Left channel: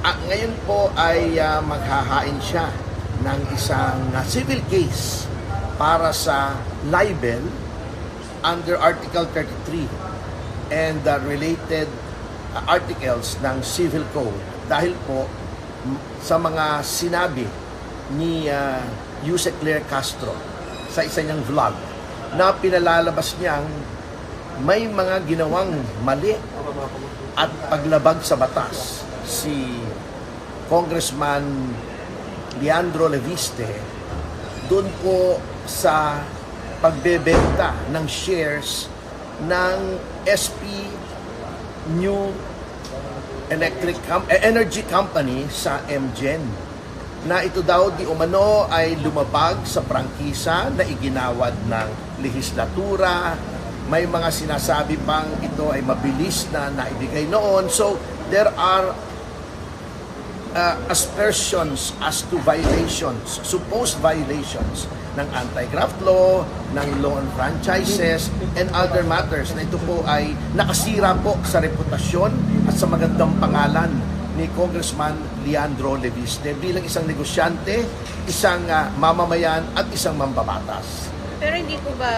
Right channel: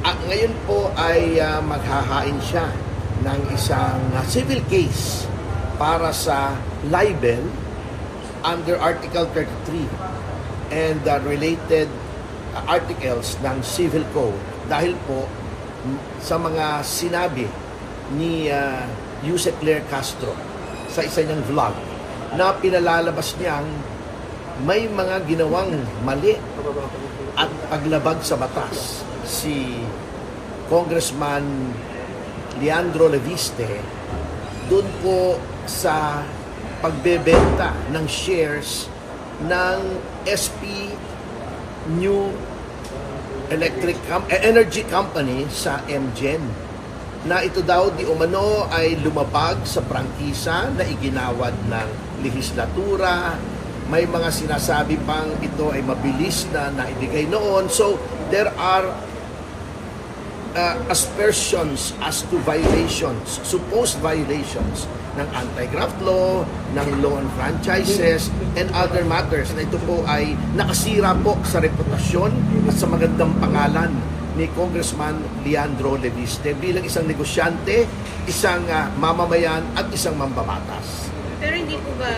Ngayon po ay maghahain siya ng isang civil case para sa libel under Article 33 and related articles ng Civil Code dahil po sa mga sinabi ni Yuse Claire Castro sa isa niyang vlog na pinalalabas niyang may mga ginawang mali at paglabag sa batas si Congressman Leandro Leviste doon po sa pagbebenta ng shares ng SP New Energy Company sa MGen na ito daw di umano ay lumabag sa prangkisa na iginawad ng lehislatura. May mga sinasabi pang ito ay mabilis na naibigay noon. So there are aspersions as to violations, supposed violations ng anti-graft law, ng law on franchises, and other matters na ito po ay nakasira po sa reputasyon at sa magandang pangalan ni Congressman Leandro Leviste bilang isang negosyante, isang mamamayan at isang mambabatas. Pero hindi po ba